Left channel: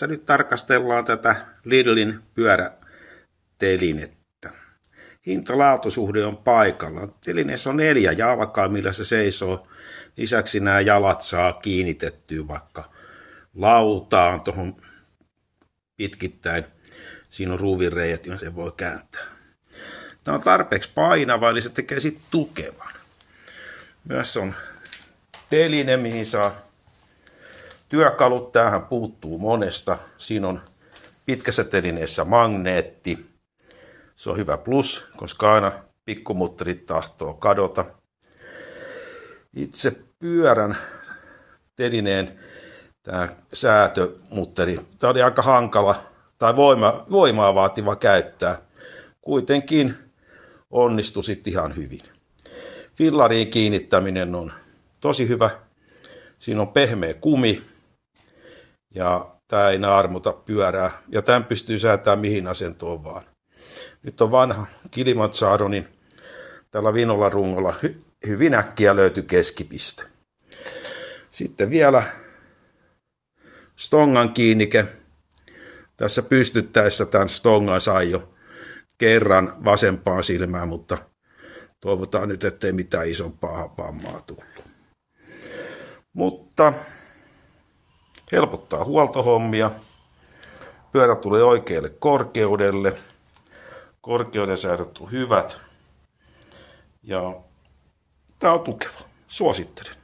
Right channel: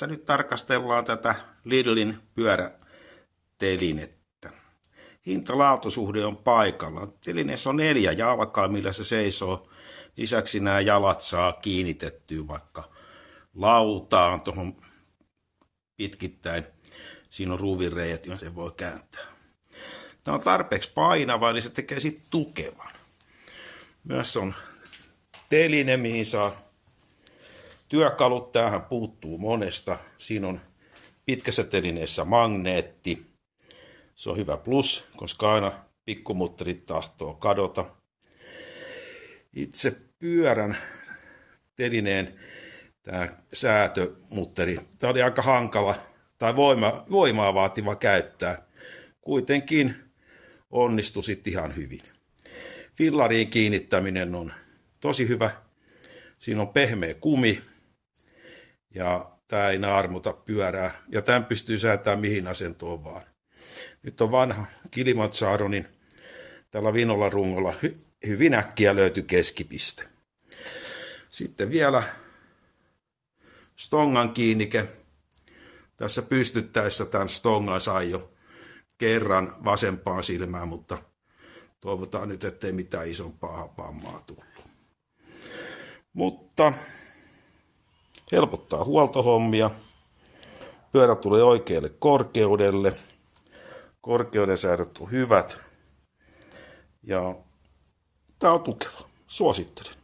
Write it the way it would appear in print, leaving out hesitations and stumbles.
Tässä nyt tarkastellaan tätä Lidlin pyörätelinettä. Hinta-laatusuhde on paikallaan. Telineessä on 4 jalkaa, millä se seisoo. Lisäksi nämä jalat saa kiinnitettyä vaikka lautaan tuohon pitkittäin. Siinä on ruuvinreijät, joilla se voi kääntää. Tämä on tarpeeksi painava, eli se tekee sitten tukevan. Myös on teline, mihin saa työkalut. Tämähän puuttuu monesta. Siinä on pitkässä telineessä magneetti. Se on hyvä plus, koska aina pikkumutterit tahtoo kadota. Itse pyörän telineen tämä säätömutteri. Tämä oli aika hankala tai voimaa vaativa käyttää. Kuitenkin onnistui sitten ihan hyvin. Fillariin kiinnittäminen on tosi hyvä. Siinä on pehmeä kumi ja tämä ei naarmuta pyörää. Ja tämän pystyy säätämään mihin asentoon vaan. Nyt on vanha Kilimanjaro, niin tällä vinolla rungolla hyvin äkkiä löytyi keskipiste. Sitten vielä stongan kiinnike. Tässä pystyttäessä tämän stongan sai jo kerran vasempaan silmään, mutta toivotaan nyt, ettei mitään isompaa vammaa tullut. Mutta helpottaa huoltohommia. Pyörä tulee oikealle korkeudelle. Korkeuden säädöt on hyvät. Ja tämä on tukeva. Suosittelen.